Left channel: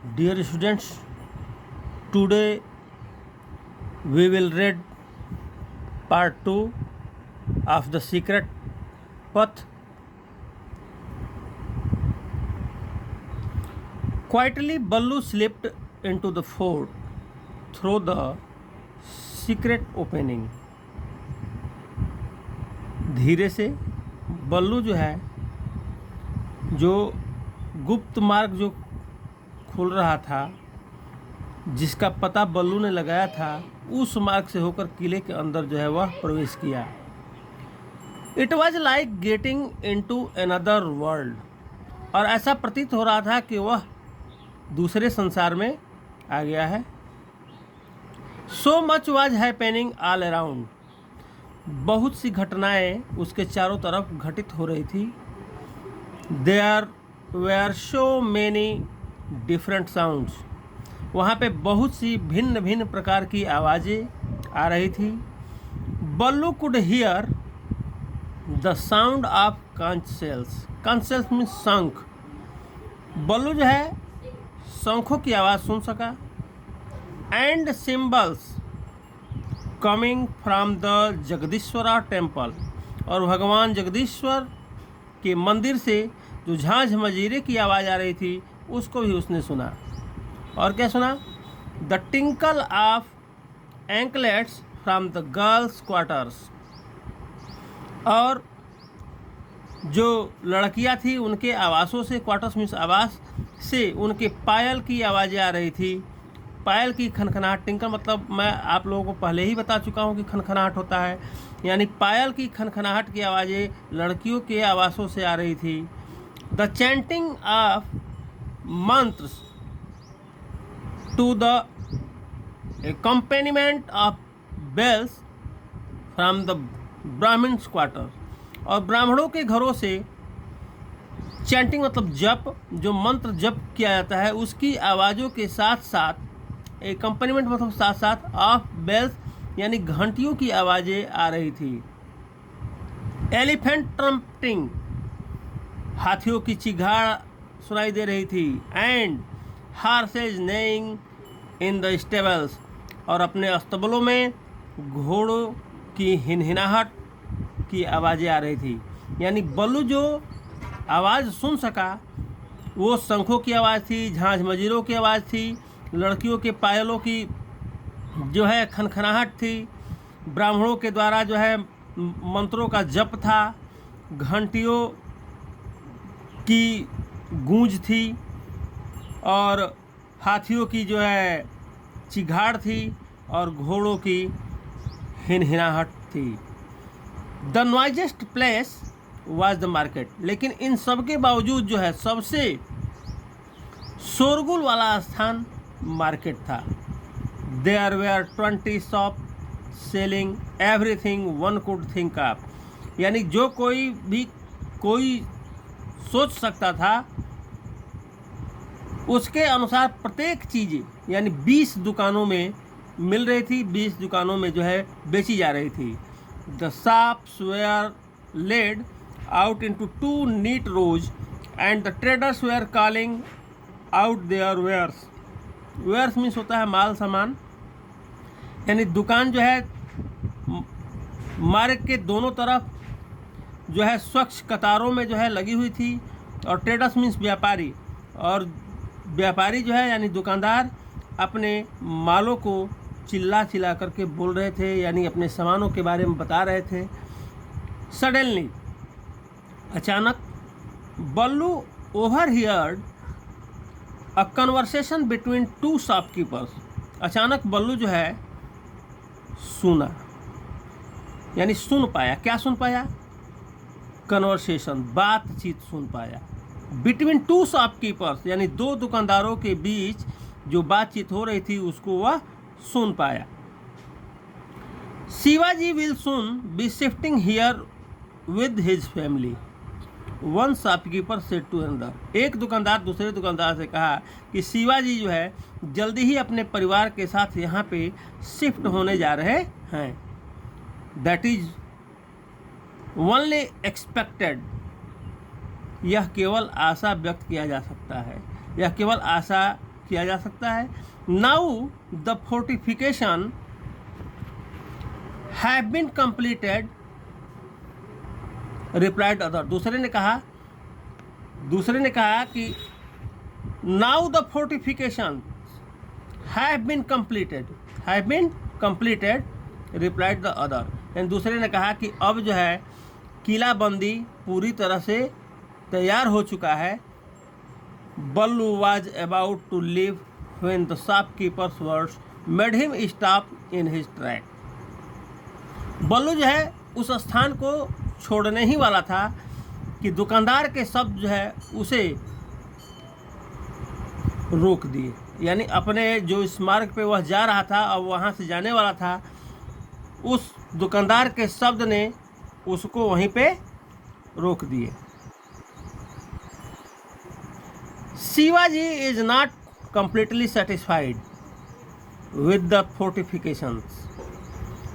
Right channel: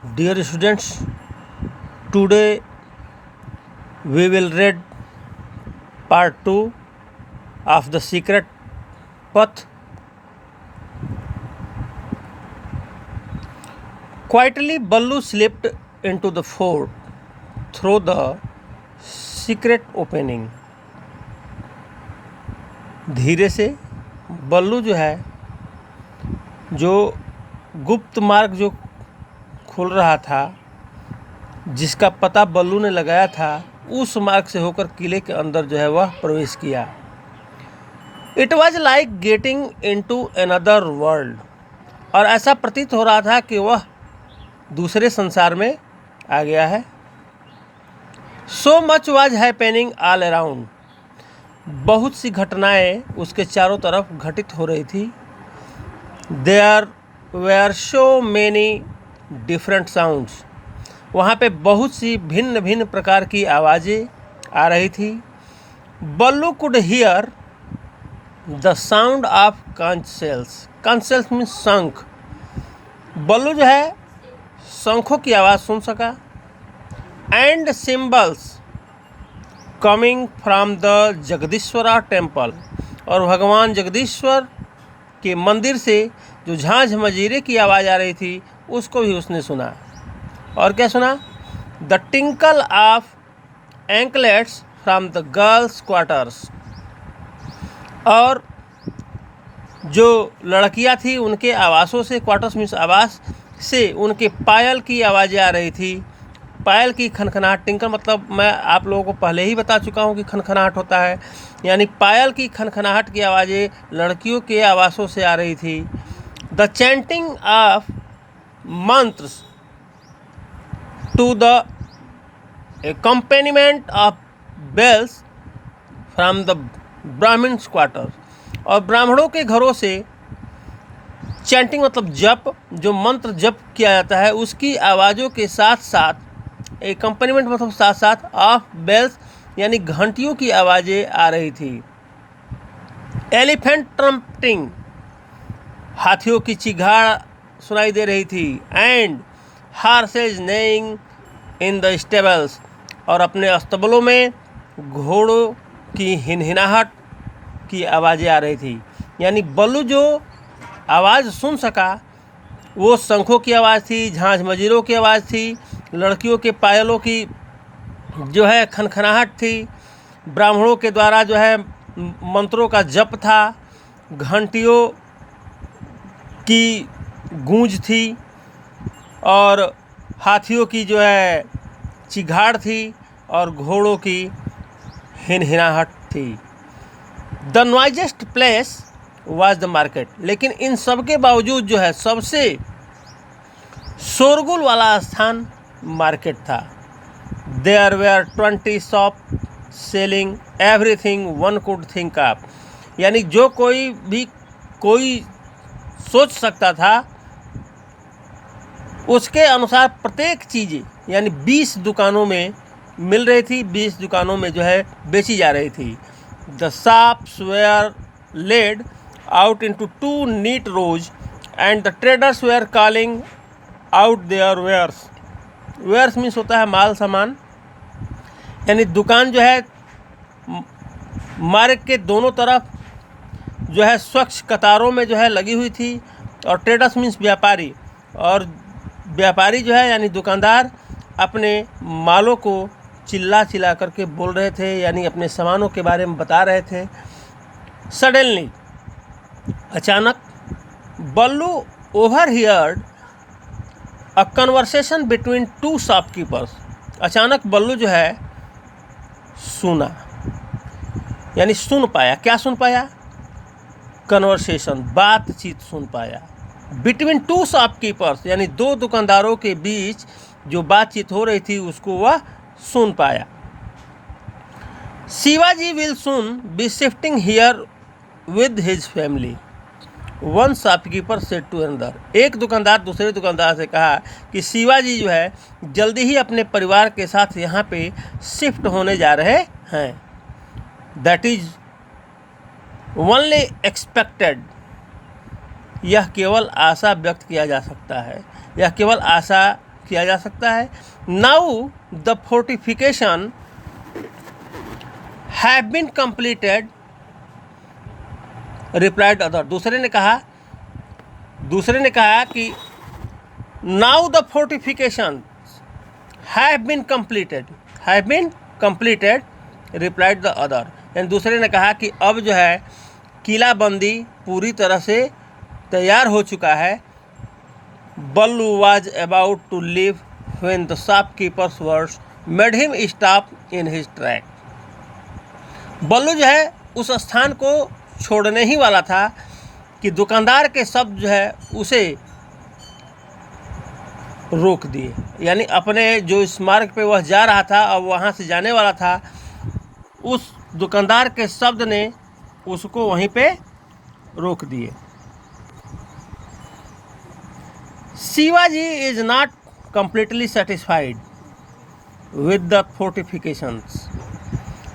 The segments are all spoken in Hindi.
Dear students, today we will read part 2 of The Secret Path. Quietly, Ballu slipped into the fort through the secret opening. धीरे से बल्लू जो है, जो गुप्त मार्ग जो खुल रहा था, जिसका पता बल्लू ने लगाया था, उस मार्ग से होकर किले के अंदर जो है वह प्रवेश किया। It was like getting into another world, और ऐसा प्रतीत हो रहा था कि वह दूसरे संसार में आ गया है। So much was happening all around, बहुत सी घटनाएं उसके चारों तरफ घटित हो रही थी। There were so many different sounds, वहाँ पे बहुत सी भिन्न भिन्न प्रकार की आवाज़ें आ रही थी। Ballu could hear the sound of conch shells, conch shells means शंख। बल्लू जो है शंखों की आवाज़ सुन सका। And cymbals coming from the Jagdishwara temple, और भगवान जगदीश्वर के मंदिर से जो झांझ मजीरे की आवाज़ आ रही थी उसको भी उसने सुना। और क्या सुना? The tinkle of anklets from the girls quarters, और जो लड़कियां थी उनके आवासों से, क्वार्टर्स मीन्स आवास से, उनके पायल की आवाज़ें आ रही थी। पायल की खनखनाहट, टिंकल मतलब मैं आप लोगों को पहले ही बता चुका हूँ कि खनखनाहट होता है, यानी पायल की खनखनाहट की आवाज़ें लड़कियों के आवासों से आ रही थी। The chanting of mantras to the accompaniment of bells from the Brahmans quarter, और ब्राह्मणों के घरों से चैंटिंग मतलब जप, जो मंत्र जप किया जाता है उसकी आवाज़ों के साथ साथ, एकम्पनीमेंट मतलब साथ साथ, ऑफ बेल्स यानी घंटियों की आवाज़ें आ रही थी। एलिफेंट ट्रम्पटिंग, हाथियों की चिघाड़ सुनाई दे रही थी। And horses neighing in the stables, और अपने अस्तबलों में घोड़ों की हिनहिनाहट की आवाज़ें आ रही थी। यानी बल्लू जो आवाज़ सुन सका वो शंखों की आवाज़ थी, झांझ मजीरों की आवाज़ थी, लड़कियों के पायलों की जो है खनखनाहट थी, ब्राह्मणों के द्वारा जो है मंत्रों का जप था, घंटियों की गूंज थी, और हाथियों की जो है चिघाड़ थी, और घोड़ों की हिनहिनाहट थी। The noisiest place was the market, लेकिन इन सब के बावजूद जो है सबसे शोरगुल वाला स्थान मार्केट था। There were 20 shop selling everything one could think of, यानी जो कोई सोच सकता था उसके अनुसार प्रत्येक चीज़ें, यानी 20 दुकानों में मिल रही थी, 20 दुकानों में जो है बेची जा रही थी। The shops were laid out into 2 neat rows, and the traders were calling out their wares. Wares means होता है माल सामान, यानी दुकान जो है मार्ग के दोनों तरफ जो है स्वच्छ कतारों में जो है लगी हुई थी। और ट्रेडर्स मीन्स व्यापारी, और व्यापारी जो है यानी दुकानदार अपने मालों को चिल्ला चिल्ला करके बोल रहे थे, यानी अपने सामानों के बारे में बता रहे थे। सडनली, अचानक, Ballu overheard a conversation between 2 shopkeepers, अचानक बल्लू जो है सुना, यानी सुन पाया। क्या सुन पाया? कन्वर्सेशन, बातचीत सुन पाया। बिटवीन 2 शॉपकीपर्स, यानी 2 दुकानदारों के बीच जो बातचीत हो रही थी उसको वह सुन पाया। Shivaji will soon be shifting here with his family, one shopkeeper said to another, एक दुकानदार दूसरे दुकानदार से कहा कि शिवाजी जो है जल्दी ही अपने परिवार के साथ यहाँ पे शिफ्ट होने जा रहे हैं। दैट इज ओनली एक्सपेक्टेड, यह केवल आशा व्यक्त किया जा सकता है, यह केवल आशा किया जा सकता है। Now the fortification have been completed, replied other. दूसरे ने कहा कि now the fortification have been completed, replied the other. यानी दूसरे ने कहा कि अब जो है किलाबंदी पूरी तरह से तैयार हो चुका है। Ballu was about to leave when the shopkeepers words made him stop in his track. Ballu जो है उस स्थान को छोड़ने ही वाला था कि दुकानदार के शब्द जो है उसे रोक दिए। यानी अपने जो इस मार्ग पे वह जा रहा था, अब वहाँ से जाने वाला था, उस दुकानदार के शब्द ने उसको वहीं पे रोक दिए। Shivaji is not completely satisfied with the fortifications.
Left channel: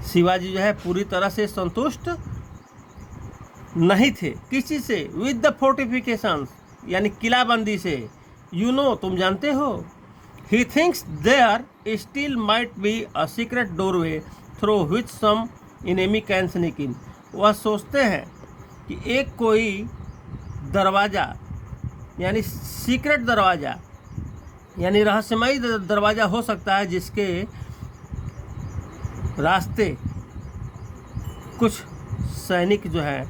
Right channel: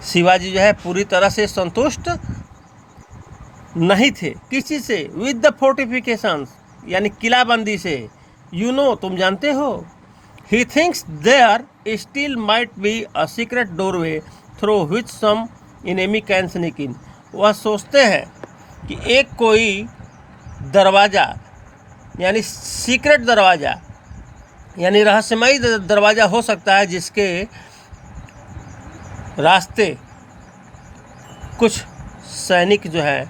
Shivaji जो है पूरी तरह से संतुष्ट नहीं थे। किस चीज़ से? विद द फोर्टिफिकेशंस, यानी किलाबंदी से। तुम जानते हो। He thinks there still might be a secret doorway through which some enemy can sneak in. वह सोचते हैं कि एक कोई दरवाज़ा, यानी सीक्रेट दरवाज़ा, यानी रहस्यमयी दरवाज़ा हो सकता है जिसके रास्ते कुछ सैनिक जो है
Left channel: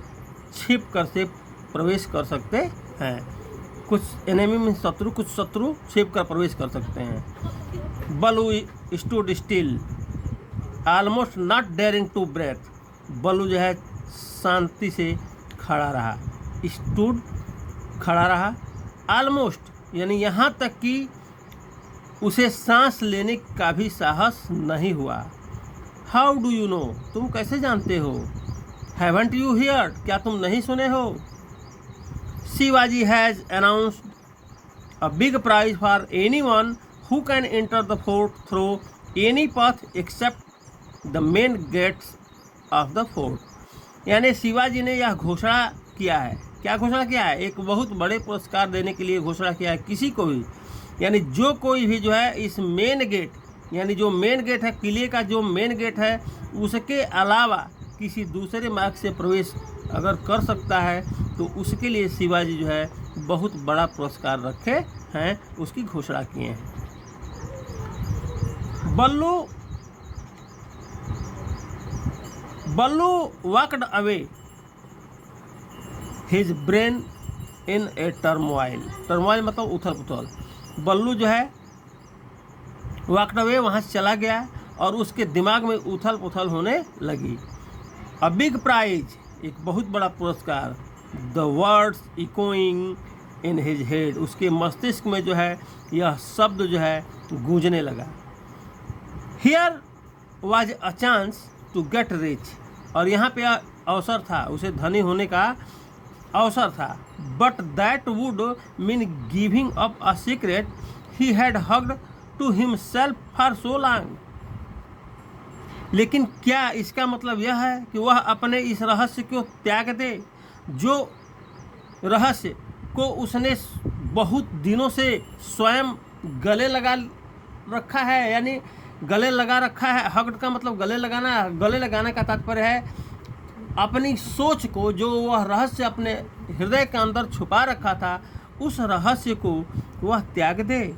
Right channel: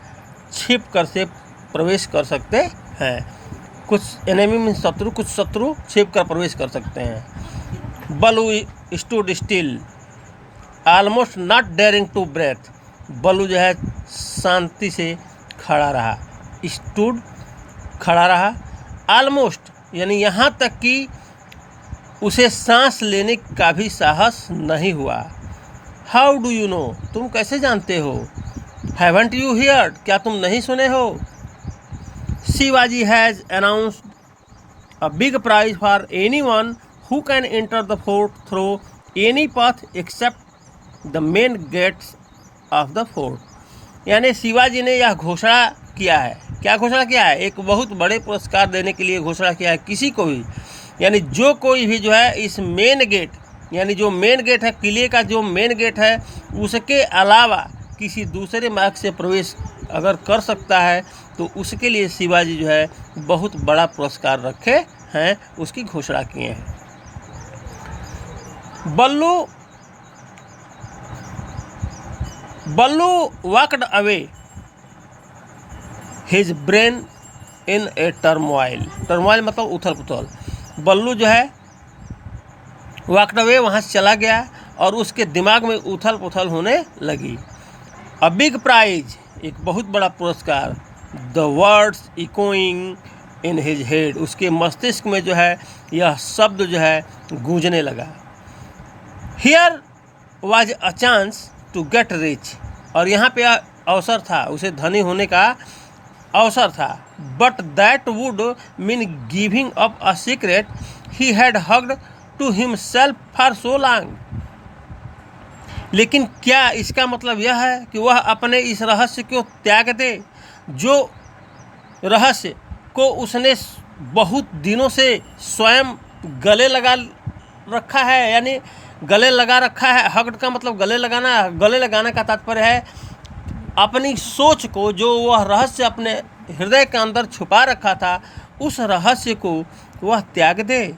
छिप कर से प्रवेश कर सकते हैं। कुछ एनिमी में शत्रु, कुछ शत्रु छिप कर प्रवेश कर सकते हैं। Ballu stood still almost not daring to breathe. Ballu जो है शांति से खड़ा रहा। स्टूड खड़ा रहा, ऑलमोस्ट यानी यहाँ तक कि उसे सांस लेने का भी साहस नहीं हुआ। How do you know? तुम कैसे जानते हो? Haven't you heard? क्या तुम नहीं सुने हो? Shivaji has announced a big prize for anyone who can enter the fort through any path except the main gates of the fort. यानी शिवाजी ने यह घोषणा किया है। क्या घोषणा किया है? एक बहुत बड़े पुरस्कार देने के लिए घोषणा किया है किसी को भी, यानी जो कोई भी जो है इस मेन गेट, यानी जो मेन गेट है किले का, जो मेन गेट है उसके अलावा किसी दूसरे मार्ग से प्रवेश अगर कर सकता है तो उसके लिए शिवाजी जो है बहुत बड़ा पुरस्कार रखे हैं, उसकी घोषणा किए हैं। Ballu walked away his brain in a turmoil. Turmoil मतलब उथल पुथल। बल्लू जो है वॉकड अवे, वहाँ से चला गया और उसके दिमाग में उथल पुथल होने लगी। अ बिग प्राइज, एक बहुत बड़ा पुरस्कार। The words echoing in his head, उसके मस्तिष्क में जो है यह शब्द जो है गूंजने लगा। Here was a chance to get rich, और यहाँ पे अवसर था, उसे धनी होने का अवसर था। But that would mean giving up a secret he had hugged to himself for so long. लेकिन क्या इसका मतलब यह है कि वह अपने इस रहस्य को त्याग दे, जो रहस्य को उसने बहुत दिनों से स्वयं गले लगा रखा है, यानी गले लगा रखा है। हग्ड का मतलब गले लगाना। गले लगाने का तात्पर्य है अपनी सोच को, जो वह रहस्य अपने हृदय के अंदर छुपा रखा था, उस रहस्य को वह त्याग दे।